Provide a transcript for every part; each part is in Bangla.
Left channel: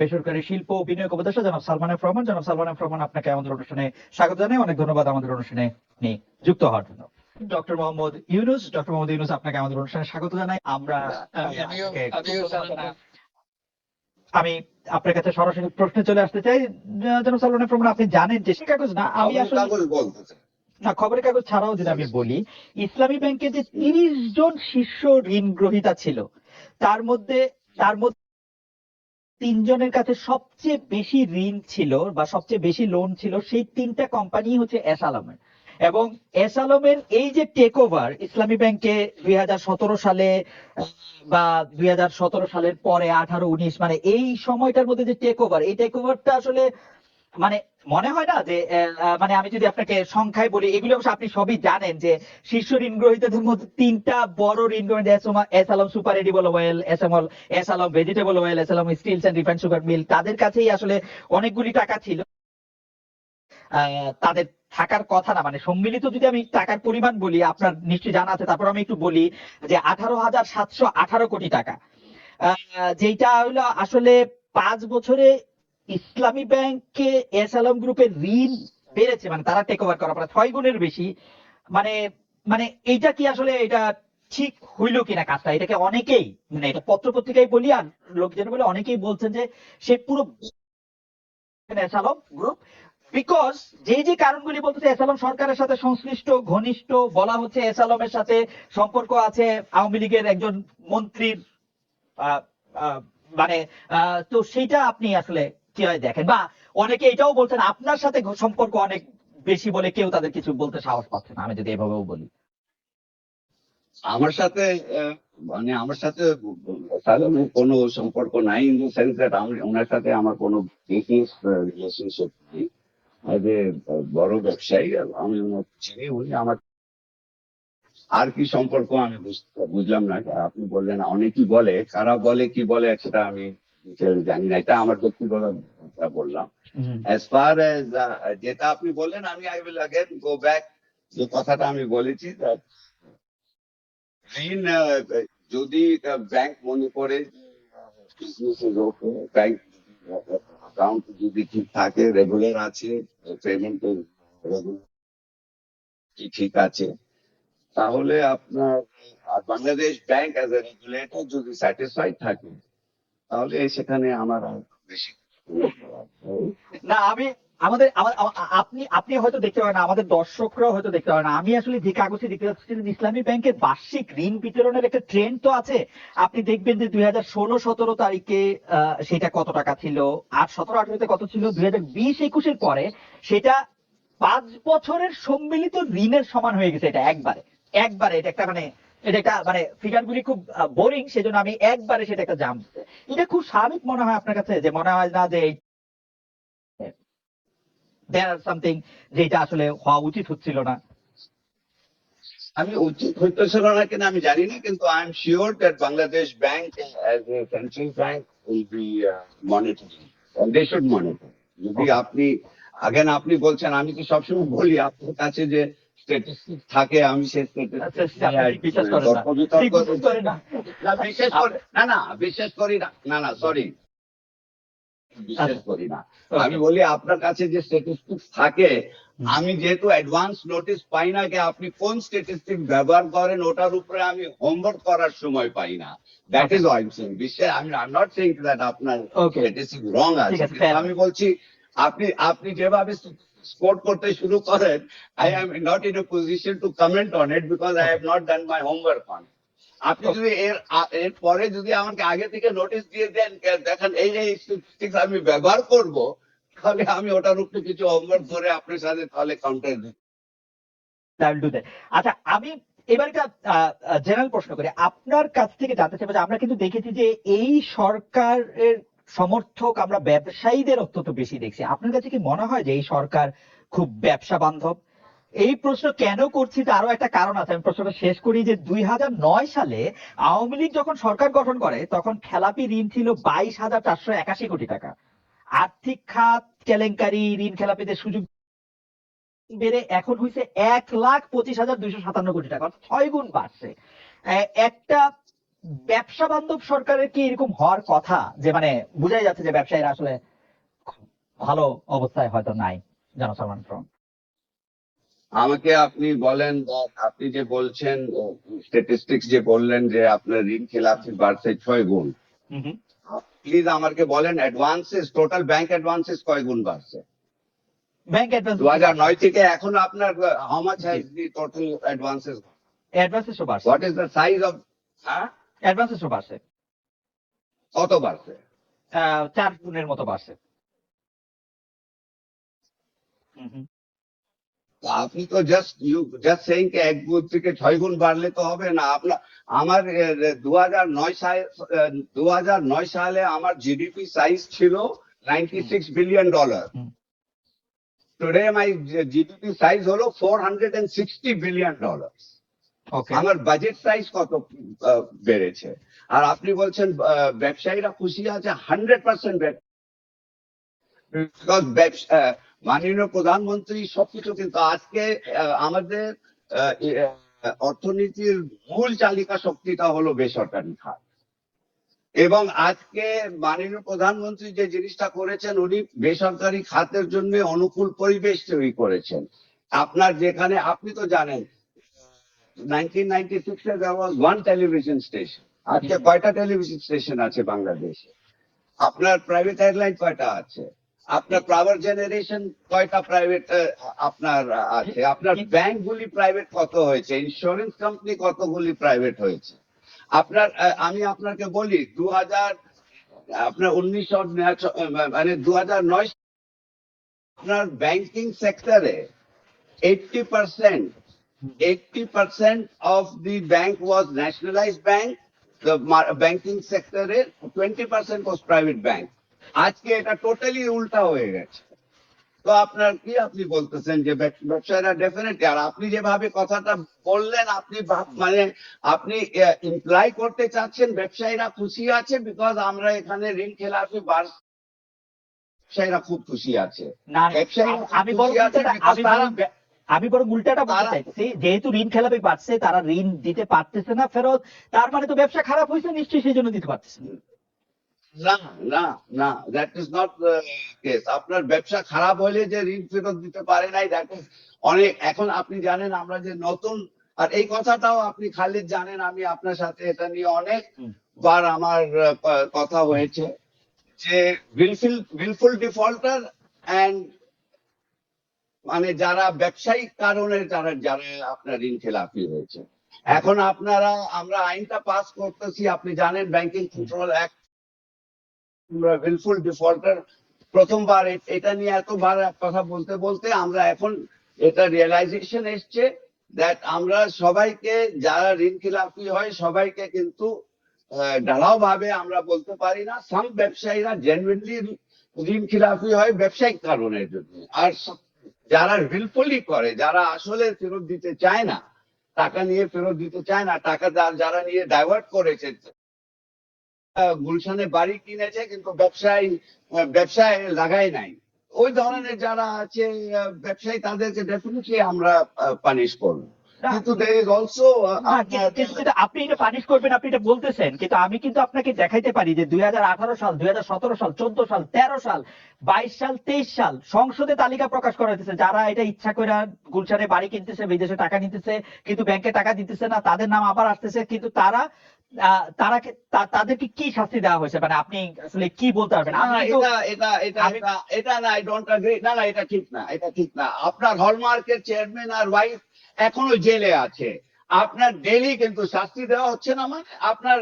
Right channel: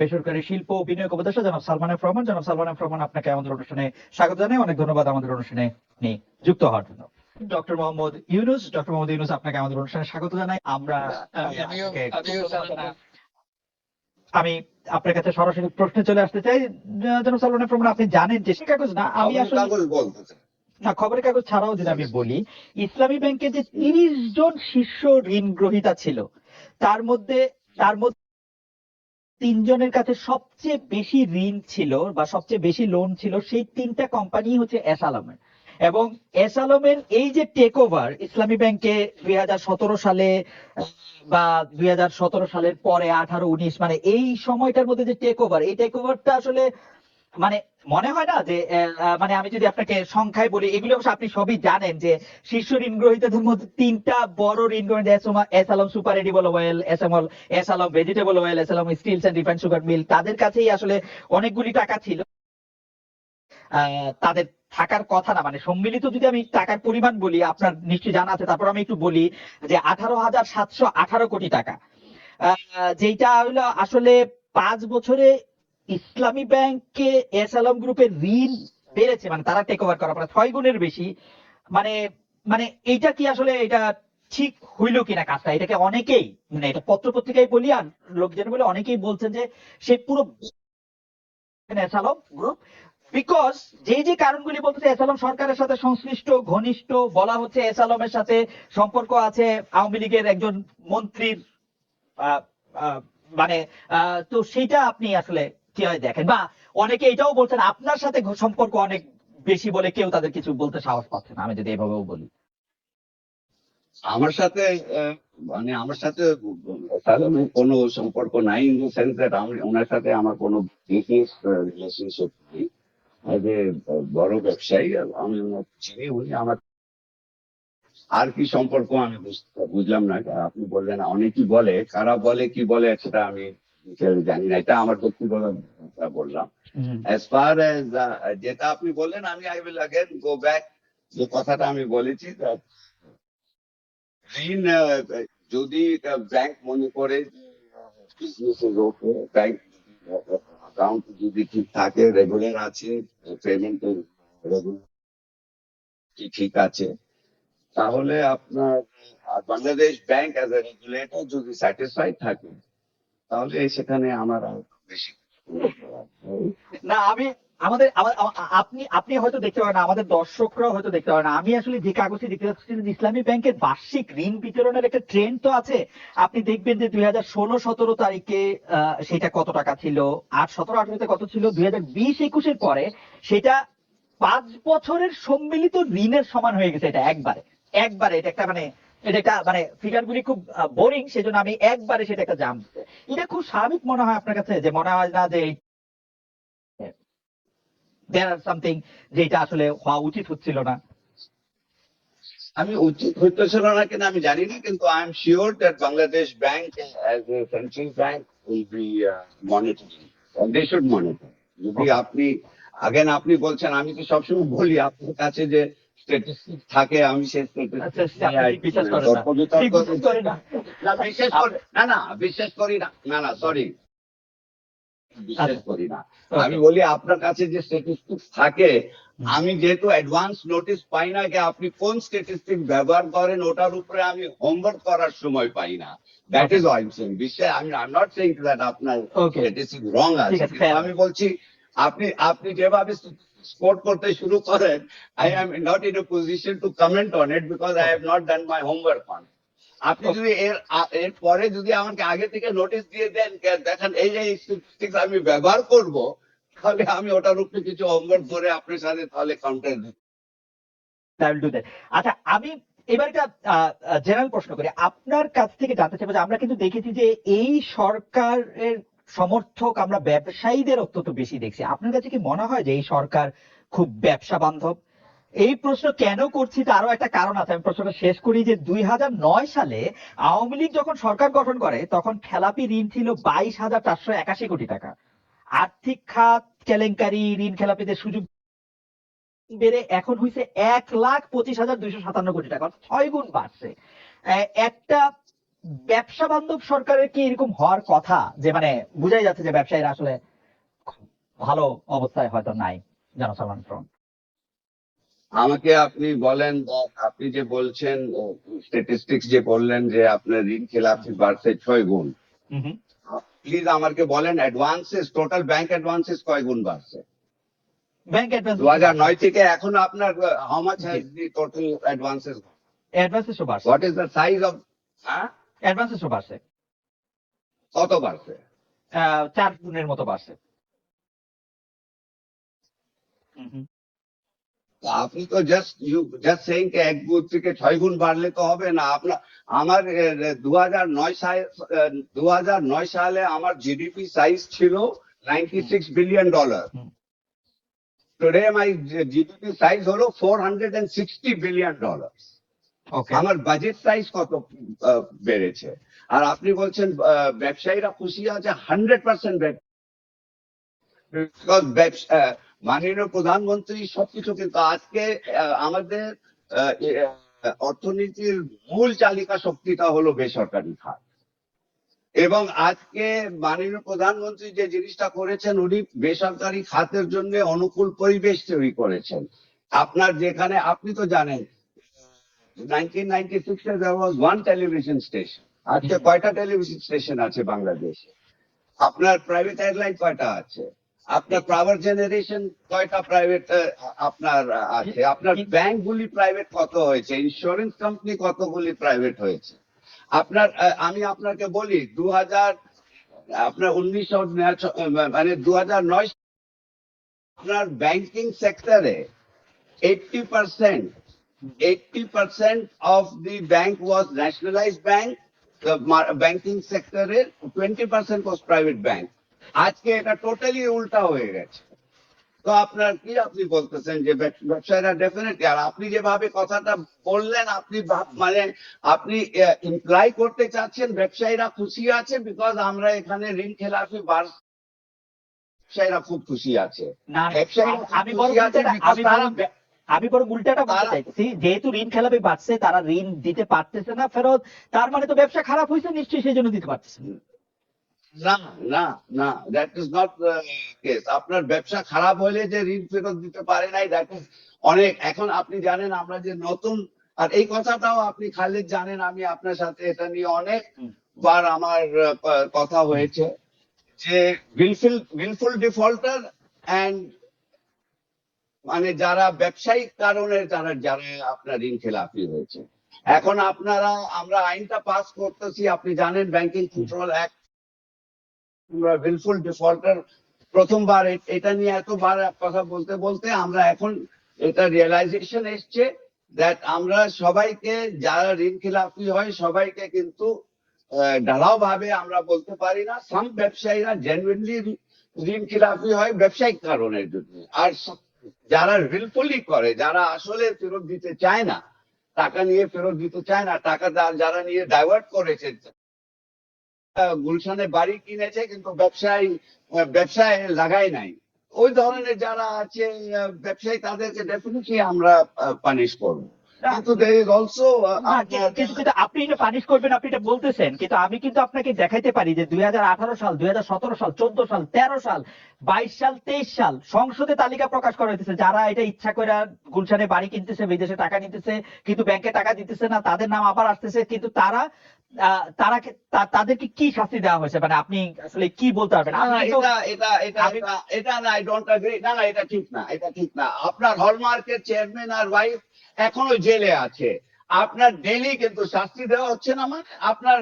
বেসরকারি শিল্প বিনিয়োগ উপদেষ্টা জনাব সালমান এফ রহমান। জনাব সালমান এফ রহমান আপনাকে আমাদের অনুষ্ঠানে স্বাগত জানাই। অনেক ধন্যবাদ আমাদের অনুষ্ঠানে যুক্ত হওয়ার জন্য। ডক্টর মোহাম্মদ ইউনুস ডক্টর মোহাম্মদ ইউনুস আপনাকে আমাদের অনুষ্ঠানে স্বাগত জানাই। আমরা আমি আপনার কাছে সরাসরি প্রশ্নে চলে আসতে চাই। জনাব সালমান এফ রহমান আপনি জানেন যে সে কাগজ না আমি আসলে না খবরের কাগজ ছাড়াও যদি আমি বলি ইসলামী ব্যাংকে যে তিরিশ জন শীর্ষ ঋণ গ্রহীতা ছিল তার মধ্যে তার মধ্যে তিনজনের কাছে সবচেয়ে বেশি ঋণ ছিল বা সবচেয়ে বেশি লোন ছিল সেই তিনটা কোম্পানি হচ্ছে এস আলমের। এবং এস এই যে টেক ওভার ইসলামী ব্যাংকে দুই হাজার সতেরো সালে, বা দুই হাজার সতেরো সালের পরে, আঠারো, উনিশ মানে এই সময়টার মধ্যে যে টেক ওভার এই টেক ওভারটা আসলে মানে মনে হয় না যে মানে আমি যদি আপনাকে সংখ্যায় বলি, এগুলো অবশ্য আপনি সবই জানেন যে শীর্ষ ঋণ গ্রহীতাদের মধ্যে তিনটা বড় ঋণ গ্রহীতা S Alam super edible oil, S M S Alam vegetable oil, S Alam steels and refined sugar mill. তাদের কাছেই আসলে অনেকগুলি টাকা ছিল। তাদের থাকার কথা না মানে সম্মিলিত যদি আমি টাকার পরিমাণ বলি, আপনার নিশ্চয়ই জানা আছে, তারপর আমি একটু বলি যে আঠারো হাজার সাতশো আঠারো কোটি টাকা। যেটা হলো আসলে পাঁচ বছরে ইসলামী ব্যাংকে এস আলম গ্রুপের ঋণ বেড়েছে মানে তারা টেক ওভার করার পরে ছয় গুণের বেশি। মানে মানে এইটা কি আসলে এটা ঠিক হইল কিনা কাজটা? এটাকে অনেকেই মানে এটা পত্র পত্রিকায় বলি আর লোকজন বলে অনেকেই বলছেন যে সে পুরো এস আলম গ্রুপ বিকজ যে যে কারণগুলি বলতেছে এস আলম সরকারের সাথে সংশ্লিষ্ট, ঘনিষ্ঠ, বলা হচ্ছে এস আলমের সাথে সম্পর্ক আছে, আওয়ামী লীগের একজন মন্ত্রীর মানে তো সেইটা আপনি আসলে কীভাবে দেখেন? বা অনেকে এটাও বলছেন, আপনার সাথে সম্পর্ক অনেক বেশি বলে কেউ তাদের কিছু বলতে সাহস পাচ্ছে না। আমি যদি এভাবেও বলি। আমার সাথে মানে আমার সাথে সাধারণ কোনো সম্পর্ক নাই ইন দ্য সেন্স দ্যাট আমি, ওনার সাথে আমার কোনো বিজনেস রিলেশনশিপ নেই। অ্যাজ এ বড় ব্যবসায়ী আমি চিনি উনি আমার আর কি সম্পর্ক আমি বুঝলাম না। আপনি বললেন, অনেকেই বলে, কারা বলে, কি বলে, সেটা আমি detail জানি না এটা আমার ব্যক্তিগত কথা বললাম as far as uh, যেটা আপনি বললেন আমি I will again go back যে কথাটা আমি বলেছি that ঋণ আহ, যদি ব্যাংক মনে করে বিজনেস ওকে ব্যাংক অ্যাকাউন্ট যদি ঠিক থাকে রেগুলার আছে পেমেন্ট রেগুলার ঠিক আছে তাহলে আপনার আর Bangladesh bank as a regulator যদি স্যাটিসফাইড থাকে তাহলে সেখানে আমার আর বেশি। না, আমি, আমাদের আমা- আমা- আপনি আপনি হয়তো দেখতে পারেন আমাদের দর্শকরাও হয়তো দেখতে পারেন আমি আসলে যে কাগজে দেখতে পাচ্ছি ইসলামী ব্যাংকের বার্ষিক ঋণ বিতরণের একটা ট্রেন্ড তো আছে। আপনি দেখবেন যে দুই হাজার ষোলো, সতেরো তারিখে সেটা কত টাকা ছিল? আট, সতেরো, আঠারোতে কত ছিল? দুই হাজার বিশ, একুশের পরে সেটা পাঁচ বছরের সম্মিলিত ঋণের সমান হয়ে গেছে এটা একবারে। একবারে এটা একটা মানে এটা একটা মানে ফিগার গুলি খুব বোরিং সেজন্য আমি একবারে সেটা একটা জাম এটা খুব স্বাভাবিক মনে হয় আপনার কাছে যে মনে হয় না যে দেয়ার আর সামথিং যেটা আসলে হওয়া উচিত হচ্ছিল না? আমি উচিত না কিনা আমি জানি না কিন্তু I'm sure that Bangladesh Bank as a central bank will be monitoring they should monitor যদি আপনি আগেন আপনি বলছেন আমি তো সবসময় বলি আপনার কাছে যে থাকে আমি সেই আচ্ছা, করেন না। না। বিশ্বাস করি না না না। সরি বিশ্বাস আচ্ছা। করি না। আমি বলি আপনার কাছে যে স্ট্যাটিস্টিক্স থাকে আমি যেহেতু অ্যাডভান্স নোটিস পাই না যে আপনি কোন স্ট্যাটিস্টিক ব্যবহার করেন ওটার উপরে আমি হোমওয়ার্ক করার সময় পাই না। দ্যাট ইজ ওয়াই সেইং বিশ্বাস আমি I am not saying that আপনার স্ট্যাটিস্টিক রং আছে. আমি বলছি আপনি আপনি যেভাবে স্পোর্ট করতে শুরু করেন I'm not in a position to comment on it because I have not done my homework on আপনি যদি এর এর পরে যদি আমাকে আগে থেকে নোটিশ দিয়ে দেন দেখেন এই যে স্ট্যাটিস্টিক্স আমি ব্যবহার করব তাহলে আমি ওটার উপরে কিছু হোমওয়ার্ক করে আপনার সাথে তাহলে কাউন্টার that. আচ্ছা আমি এবার একটা জেনারেল প্রশ্ন করি। আপনার কাছ থেকে জানতে চাইব যে আমরা কিন্তু দেখেছি যে এই সরকারের সমর্থক আমরা ব্যবসায়ীদের অত্যন্ত বেশি দেখছি। আপনার কাছে কি মনে হয় যে এই সরকার খুব ব্যবসা বান্ধব? এই প্রশ্ন কেন করছি তারও একটা কারণ আছে। আমি প্রশ্নটা শেষ করি যে দুই সালে আওয়ামী লীগ যখন সরকার গঠন করে, তখন খেলাপি ঋণ ছিল বাইশ হাজার চারশো একাশি কোটি টাকা। আর্থিক খাত, কেলেঙ্কারি, ঋণ খেলাপিদের সুযোগ বেড়ে এখন হয়েছে এক লাখ পঁচিশ হাজার দুইশো সাতান্ন কোটি টাকা ছয় গুণ বাড়ছে। একটা ব্যবসা বান্ধব সরকারের কি এরকম হওয়ার কথা? যে মানে বোঝাই যাচ্ছে যে ব্যবসায়ীরা আসলে ভালো অবস্থায় হয়তো নাই জনসাধারণ ফ্রন্ট আমাকে আপনি বলেন আপনি যে বলছেন স্ট্যাটিস্টিক্স যে বললেন যে আপনার ঋণ খেলাপি বাড়ছে ছয় গুণ। প্লিজ আমাকে বলেন অ্যাডভান্সেস টোটাল ব্যাংক অ্যাডভান্সেস কয় গুণ বাড়ছে? ব্যাংক অ্যাডভান্স দু হাজার নয় থেকে এখন আপনার how much has the total advances অ্যাডভান্সেসও বাড়ছে। What is the size of হ্যাঁ অ্যাডভান্সেসও বাড়ছে কত বাড়ছে চার গুণের মতো বাড়ছে। আপনি তো জাস্ট ইউ জাস্ট সেইং কে এক গুণ থেকে ছয় গুণ বাড়লে তো হবে না। আপনার আমার দু হাজার নয় সালে দু হাজার নয় সালে আমার জিডিপি সাইজ ছিল ninety six billion dollar. Today my GDP size হলো four hundred and sixty billion dollar আমার বাজেট সাইজ কত বেড়েছে? আর আপনি বলছেন ব্যবসায়ীরা খুশি আছে হান্ড্রেড পার্সেন্ট মাননীয় প্রধানমন্ত্রী সবকিছু কিন্তু আজকে আমাদের অর্থনীতির মূল চালিকা শক্তিটা হলো বেসরকারি খাত। এবং আজকে মাননীয় প্রধানমন্ত্রী যে জিনিসটা করেছেন, উনি বেসরকারি খাতের জন্য অনুকূল পরিবেশ তৈরি করেছেন। আপনার যেখানে আপনি তো জানেন 1996 এ there was one television আজকে কয়টা টেলিভিশন স্টেশন আছে বাংলাদেশে? আপনার প্রাইভেট এয়ারলাইন কয়টা আছে? আপনার পাওয়ার জেনারেশন কয়টা প্রাইভেট আপনার আছে? আপনার ব্যাংকগুলি প্রাইভেট কত হয়েছে? ইন্স্যুরেন্স কোম্পানি কতগুলি প্রাইভেট হয়েছে? আপনার আমি আপনাকে বলি দু হাজার আপনার উনিশশো মানে দু হাজার নয় আপনার ব্যাংকিং সেক্টরে eighty percent 80% of the bank was nationalized bank. The banking sector, 20% was private bank. আজকে এটা টোটালি উল্টা হয়ে গেছে তো আপনার কি আপনি বলতেছেন যে ব্যব- ব্যবসায়ীরা ডেফিনেটলি আর আপনি যেভাবে কথাটা বললেন আপনি মানে আপনি ইমপ্লাই করতে চাচ্ছেন ব্যবসায়ীরা খুশি আছে বিকজ আমরা এখানে ঋণ খেলাফি বার ব্যবসায়ীরা খুব খুশি আছে ব্যবসায়ীরা আমি বরং আমি বরং উল্টাটা বলতে চাইছি যেহেতু ঋণ খেলাপি বাড়ছে তারা ঋণ দিতে পারতেছে না ফেরত তার মানে তো ব্যবসা খারাপ হয়েছে নিশ্চয়ই সেই জন্য দিতে পারতেছে না। না না না দ্যাট ইজ নট কেস আপনার ব্যবসা খারাপ হলে যে ঋণ ফেরত দিতে পারে নাই দ্যাট ইজ অনেক। এখন আপনি জানেন আমরা যে নতুন আর এই কথাটাও আপনি খালিদ জানেন আমি আপনার সাথে এটা নিয়ে অনেক বার আমার কথা হয়েছে যে উইলফুল উইলফুল ডিফল্টার অ্যান্ড মানে যারা ব্যবসায়িক কারণে যারা যারা আপনার ঋণ খেলাপি হয়েছে। এখন আপনারা, আমরা আইনটা পাস করতেছি, আপনি জানেন ব্যাংকিং কন্ট্রোল অ্যাক্ট আমরা উইলফুল ডিফল্টার প্রথমবার এটা নিয়ে এতবার কথা বলতে বলতে আমরা এখন এটা রিয়েলাইজেশন এসছে দ্যাট আমরা সবাইকে, যারা ঋণ খিলাফি হয়, সবাইকে কিন্তু ঢালাও ভাবে আমরা বলতে পারি না সাম ব্যবসায়ীরা জেনুইনলি ঋণ খেলাপি হয় ব্যবসায়িক কারণের জন্য। আর যারা উইলফুলি করে, যারা আসলে ফেরত দিতে চায় না, টাকা নিয়ে ফেরত দিতে চায় না, টাকা যারা নিয়ে ডাইভার্ট করেছে গুলশানে বাড়ি কিনেছে কিন্তু ব্যবসায় ব্যবসায় লাগাই নাই। ওই ধরনের যারা আছে ব্যবসায়ী তাদেরকে ডেফিনেটলি আমরা পানিশ করব। কিন্তু দের ইজ অলসো কিন্তু- কিন্তু- কিন্তু আপনি এটা পানিশ করবেন আপনি এটা বলতেছেন। কিন্তু আমি কিন্তু আপনাকে দেখাইতে পারি যে দুই সাল দুই সাল চোদ্দ সাল তেরো সাল বাইশ সাল তেইশ সাল সংসদে তালিকা প্রকাশ করা হইতেছে। যারা এটা ইচ্ছা করে গুলশানে বাড়ি কিনতেছে বিদেশে টাকা নিতেছে কিন্তু ব্যাংকে টাকা দিতেছে না তাদের নাম আবার আসতেছে। কিন্তু তারা আহ, তারা তাদেরকে কি শাস্তি দেওয়া হয়েছে? মানে আপনি আসলে কি বলতে পারবেন? এটা এটা এটা এটা না আই ডোন্ট এগ্রি না না এটা ঠিক না এটা ঠিক না। আপনার হলমার্কের চেয়ারম্যান আর ওয়াইফ এখনও জেলে আছে। আপনার ডেলি কিন্তু শাস্তি দেওয়া হচ্ছে না মানে আপনার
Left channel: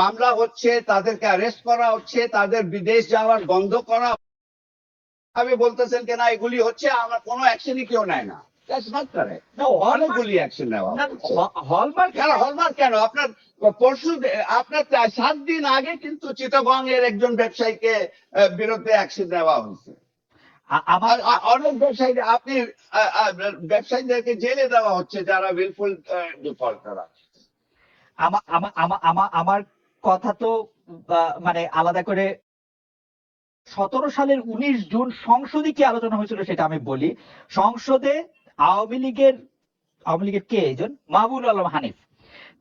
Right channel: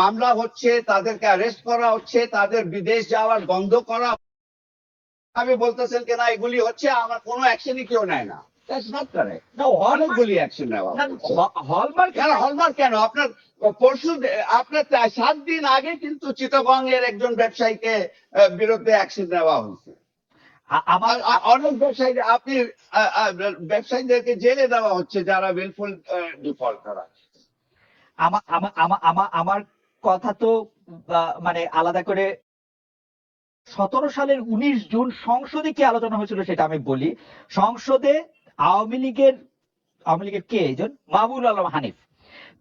মামলা হচ্ছে তাদেরকে অ্যারেস্ট করা হচ্ছে তাদের বিদেশ যাওয়ার বন্ধ করা আমি বলতেছেন কেন এগুলি হচ্ছে আমার কোনো অ্যাকশনই কেউ নেয় না। আপনার সাত দিন আগে কিন্তু চিটাগং এর একজন ব্যবসায়ীকে বিরুদ্ধে অ্যাকশন নেওয়া হয়েছে। আমার অনেক ব্যবসায়ী আপনি ব্যবসায়ীদেরকে জেলে দেওয়া হচ্ছে যারা উইলফুল ডিফল্ট করা। আমার আমার আমার আমার কথা তো মানে আলাদা করে সতেরো সালের উনিশ জুন সংসদে কি আলোচনা হয়েছিল সেটা আমি বলি। সংসদে আওয়ামী লীগের আওয়ামী লীগের কে একজন মাহবুল আলম হানিফ।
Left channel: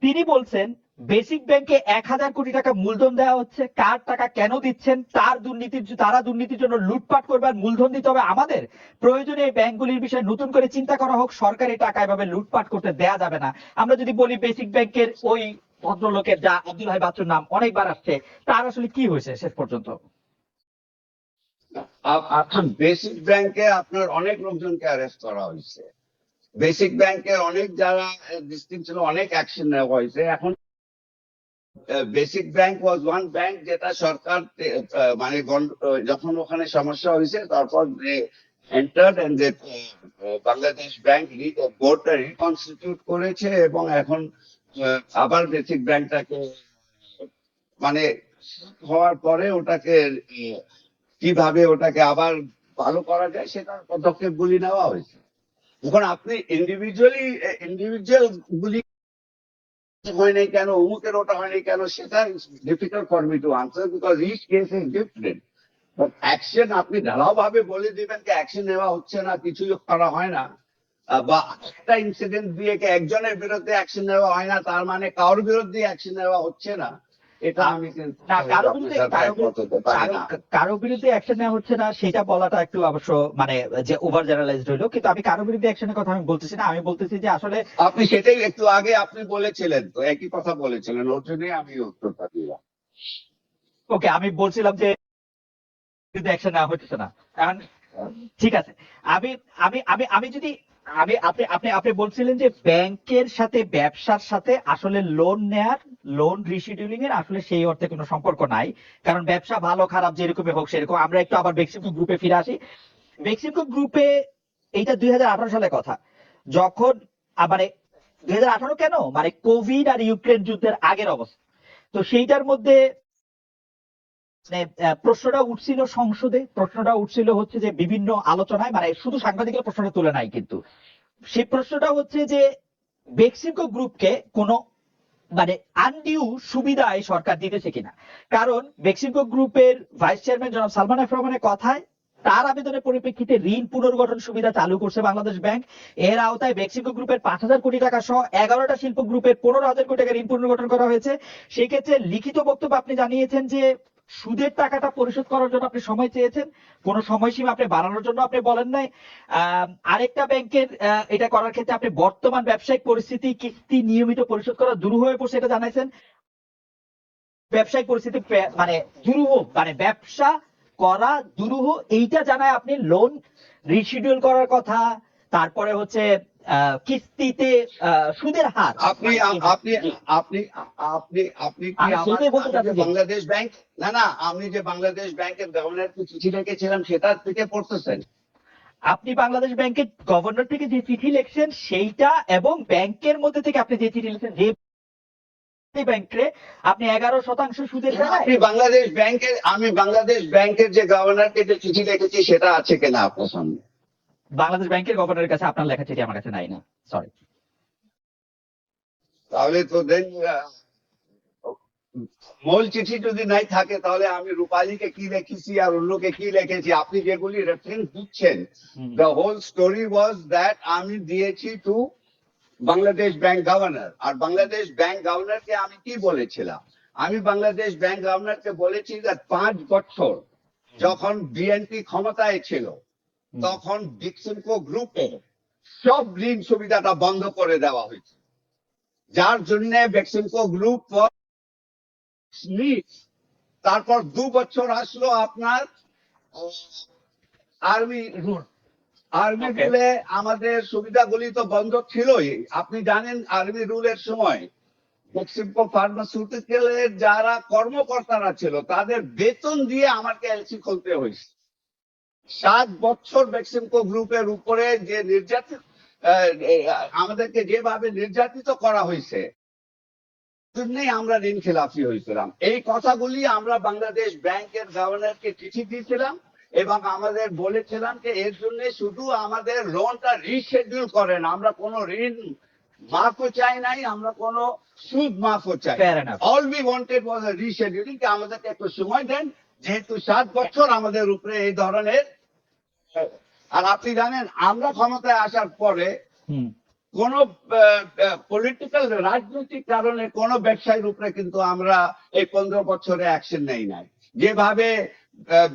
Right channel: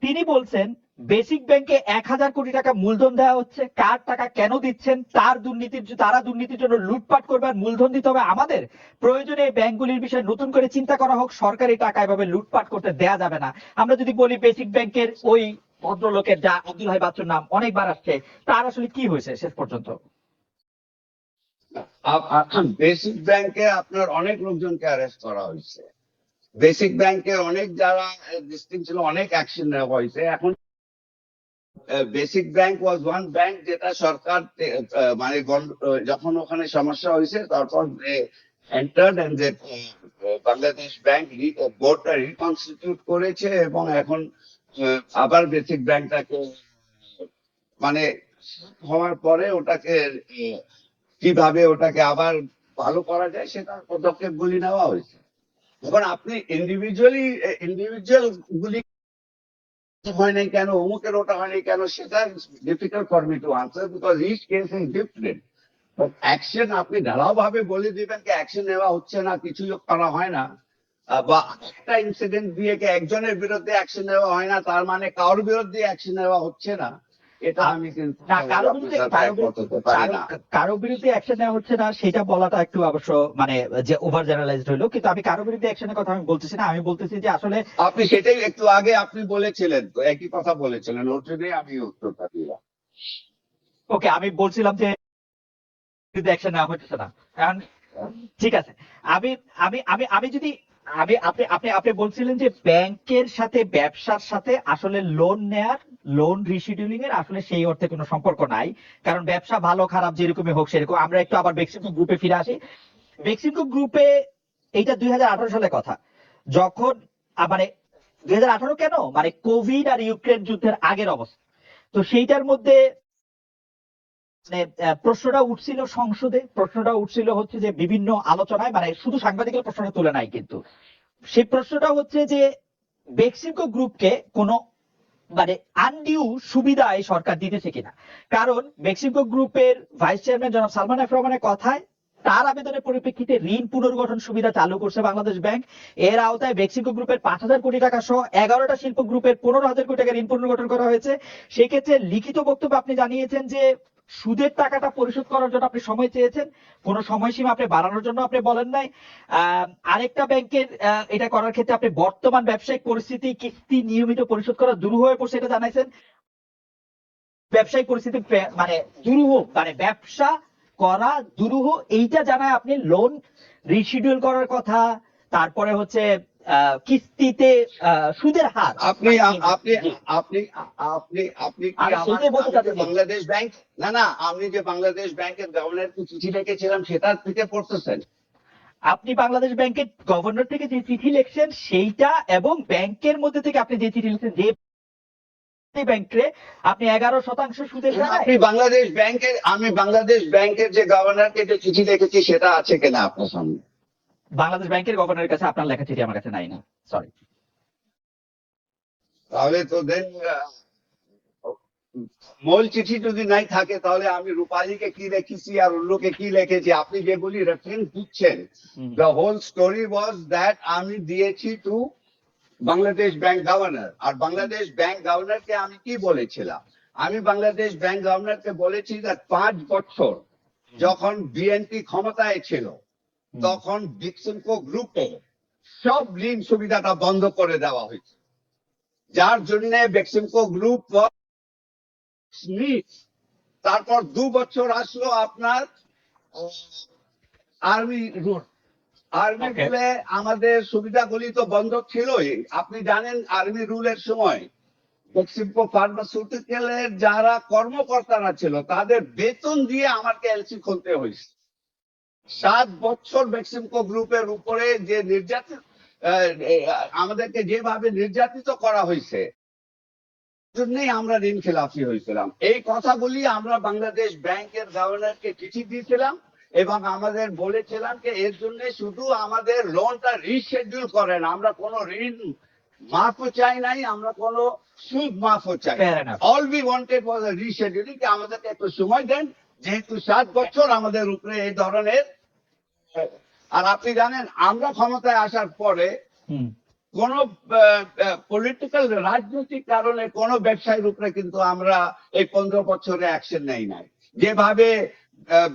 তিনি বলছেন বেসিক ব্যাংকে এক হাজার কোটি টাকা মূলধন দেওয়া হচ্ছে, কার টাকা কেন দিচ্ছেন, তার দুর্নীতির তারা দুর্নীতির জন্য লুটপাট করবে আর মূলধন দিতে হবে আমাদের। প্রয়োজনে এই ব্যাংকগুলির বিষয়ে নতুন করে চিন্তা করা হোক, সরকারি টাকা এভাবে লুটপাট করতে দেয়া যাবে না। আমরা যদি বলি বেসিক ব্যাংকের ওই ভদ্রলোকের যা আব্দুল হাই বাচ্চুর নাম অনেকবার আসছে, তার আসলে কি হয়েছে শেষ পর্যন্ত? বেসিক ব্যাংকে আপনার অনেক লোকজনকে অ্যারেস্ট করা হয়েছে। বেসিক ব্যাংকের অনেক যারা ডিস্ট্রিক্ট ছিল, অনেক অ্যাকশন নেওয়া হয়েছে। এখন BASIC Bank was one bank যেটা সরকার মানে যখন ওখানে সমস্যা হয়েছে, তারপর এন্টার্ড এন্ড যে বাংলাদেশ ব্যাংক বোর্ডটা রিকনস্টিটিউট করেছে এবং এখন আবার বেসিক ব্যাংকটাকে মানে হওয়ার পরে ওটাকে কীভাবে ওটাকে আবার ভালো করা যায়, সেটার পদক্ষেপ গুলি নেওয়া হয়েছে। এখন আপনি ইন্ডিভিজুয়ালি ইন্ডিভিজুয়াল গুলি হয় নাই কেন, অমুকের ওটা হয় নাই কেন, সেটা difficult for me to answer because each case is different but action আপনি ঢালাও ভাবে বলে দিবেন কি অ্যাকশন নেওয়া হচ্ছে না কিছু করা হয় না। বা একটা ইনসিডেন্ট দিয়ে একজনের বিরুদ্ধে অ্যাকশন নেওয়া হয় না, তার মানে কারোর বিরুদ্ধে অ্যাকশন নেওয়া হচ্ছে না। এটা আমি কারও বিরুদ্ধে অ্যাকশন নেওয়া হচ্ছে না সেটা বলাটা একটু অবশ্য মানে যে ওভার জেনারেলাইজড হইল কিন্তু আমি কারও বিরুদ্ধে অ্যাকশনের কথা আমি বলতেছি না আমি বলতেছি যে আসলে আপনি সেটাই একটু আগে আপনি বলেছিলেন তো একই কথা বলেছিলেন ওর জন্যই আমি উত্তরটা দিলাম। ওকে আমি বলছিলাম যে অ্যাকশন নেওয়া হচ্ছে না। কারণ ঠিক আছে আমি আমি আমি আমি যদি আমি আপনি আপনি আপনি বলছিলেন যে ব্যাংকের সাথে ব্যবসার সাথে আসলে লোন নেয়ার লোন রিশিডিউলিং এর আসলে সেই অর্থে কোনো সম্পর্ক নাই। কারণ ব্যবসা ভালো খারাপ যেরকমই হোক সেরকম। আমরা একটু আবার বেক্সিমকো গ্রুপে ফিরে আসি। বেক্সিমকো গ্রুপে এইটা দুই সালের কথা। যখন আহ, মানে দুই কেন? মানে কোভিড আর ইউক্রেন যুদ্ধের আগের অবস্থা। তো সেইটার মধ্যে মানে প্রশ্নটা উঠছিল সংসদে, প্রশ্নটা উঠছিল হচ্ছে যে বিভিন্ন আলোচনায় মানে শুধু সাংবাদিকের প্রশ্নটা তুলে নাই কিন্তু। সেই প্রশ্নটা হচ্ছে যে বেক্সিমকো গ্রুপকে কোনো মানে আনডিউ সুবিধা এই সরকার দিতেছে কিনা? কারণ বেক্সিমকো গ্রুপের ভাইস চেয়ারম্যান জনাব সালমান এফ রহমানের কথায় তার আবেদনের পরিপ্রেক্ষিতে ঋণ পুনর্গঠন সুবিধা চালু করছে বাংলাদেশ ব্যাংক। এর আওতায় বেক্সিমকো গ্রুপের পাঁচ হাজার কোটি টাকা সহ এগারোটা শিল্প গ্রুপের পনেরো হাজার কোটি টাকা ঋণ পুনর্গঠন করা হয়েছে। সেক্ষেত্রে লিখিত বক্তব্য আপনি জানিয়েছেন যে সুদের টাকাটা পরিশোধ করার জন্য আপনি সময় চেয়েছেন, কোনো সময়সীমা আপনি বাড়ানোর জন্য আপনি বলেন নাই। আরেকটা ব্যাংকের এটা করার ক্ষেত্রে আপনি বর্তমান ব্যবসায়িক পরিস্থিতি কিস্তি নিয়মিত পরিশোধ করা দুরূহ হয়ে পড়ছে এটা জানাইছেন। ব্যবসায়িক পরিস্থিতি মানে দুরূহ মানে ব্যবসা করা দুরূহ এইটা জানায় আপনি লোন রিশিডিউল করার কথা, তারপরে হচ্ছে কিস্তিতে সুদের হার। আপনি আপনি আপনি আপনি আপনি কি বাংলাদেশ ব্যাংক না না আমি যে বাংলাদেশ ব্যাংকের গভর্নরকে চিঠি লিখেছিলাম সেটার থেকে পড়তেছেন। আপনি বাংলাদেশ ব্যাংকের গভর্নর থেকে যে চিঠি লিখছেন সেইটা এবং ব্যাংকের মধ্যে থেকে আপনি যে চিঠি লিখছেন যে ব্যাংকে আপনি এগারো শতাংশ সুদের হার। আপনি বাংলাদেশ ব্যাংকের আমি বাংলাদেশ ব্যাংকের যে গভর্নরকে যে চিঠি লিখেছি সেটা আছে কিনা আপনার সামনে? বাংলাদেশ ব্যাংকের গভর্নরের কাছে আপনার লেখা চিঠি আমার কাছে নাই না। সরি তাহলে তো দেন মূল চিঠি যদি নাই থাকে তাহলে আমি রূপালীকে কি লিখেছি আর অন্যকে কি লিখেছি আপনি যেগুলি রেফারেন্স দিচ্ছেন the whole story was that আমি দিয়েছি টু বাংলাদেশ ব্যাংক গভর্নর। আর বাংলাদেশ ব্যাংক গভর্নরকে আমি কি বলেছিলাম? আমি বাংলাদেশ ব্যাংক গভর্নরকে বলেছি যে পাঁচ বছর যখন বিএনপি ক্ষমতায় ছিল তখন ডিক্সনকো গ্রুপে সব ঋণ সুবিধাটা বন্ধ করে দেওয়া হয়েছে। যার জন্য বেক্সিমকো গ্রুপ তারপর দু বছর আসলো আপনার আর্মি রুল আর্মি রুলে আমাদের সুবিধাগুলি তো বন্ধ ছিলই। আপনি জানেন আর্মি রুলের সময় বেক্সিমকো ফার্মাসিউটিক্যালের যারা কর্মকর্তারা ছিল তাদের বেতন দিয়ে আমাকে এলসি খুলতে হয়েছে। সাত বছর বেক্সিমকো গ্রুপের উপরে যে নির্যাতিত আমাদেরকে যেভাবে নির্যাতিত করা হয়েছে জন্যই আমরা ঋণ খেলাফি হয়েছিলাম। এই কথাগুলি আমরা বাংলাদেশ ব্যাংকের গভর্নরকে চিঠি দিয়েছিলাম এবং আমাদের বলেছিলাম যে এর জন্য শুধু আমাদের লোনটা রিশেডিউল করেন। আমরা কোনো ঋণ মাফও চাই নাই আমরা কোনো সুদ মাফও চাই all we wanted was rescheduling আমাদেরকে একটু সময় দেন। যেহেতু সাত বছর আমাদের উপরে এই ধরনের আর আপনি জানেন আমরা ক্ষমতায় আসার পরে কোন পলিটিক্যাল রাজনৈতিক কারণে কোন ব্যবসায়ীর উপরে কিন্তু আমরা এই পনেরো বছরে অ্যাকশন নেই নাই। যেভাবে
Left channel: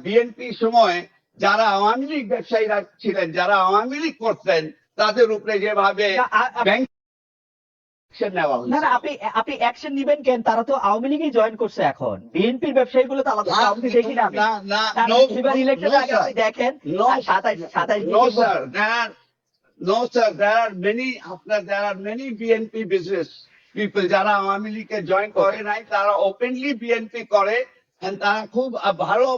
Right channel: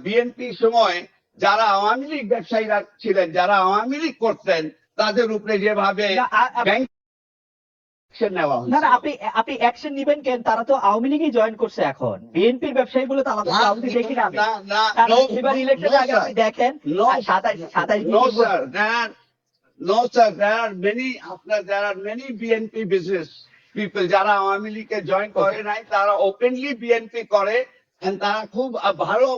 বিএনপি সময় যারা আওয়ামী লীগ ব্যবসায়ীরা ছিলেন যারা আওয়ামী লীগ করতেন তাদের উপরে যেভাবে ব্যাংক না না আপনি আপনি অ্যাকশন নিবেন কেন তারা তো আওয়ামী লীগই জয়েন করছে এখন বিএনপির ব্যবসায়ীগুলো তো আলাদা আওয়ামী লীগ দেখি না আমি। না না না, no, এবার no, আগে আপনি দেখেন সাতাশ সাতাশ No, sir. There are, no, sir. There are many, after there are many BNP business people যারা আওয়ামী লীগে জয়েন করে নাই তারা ওপেনলি বিএনপি করে and তারা খুব ভালো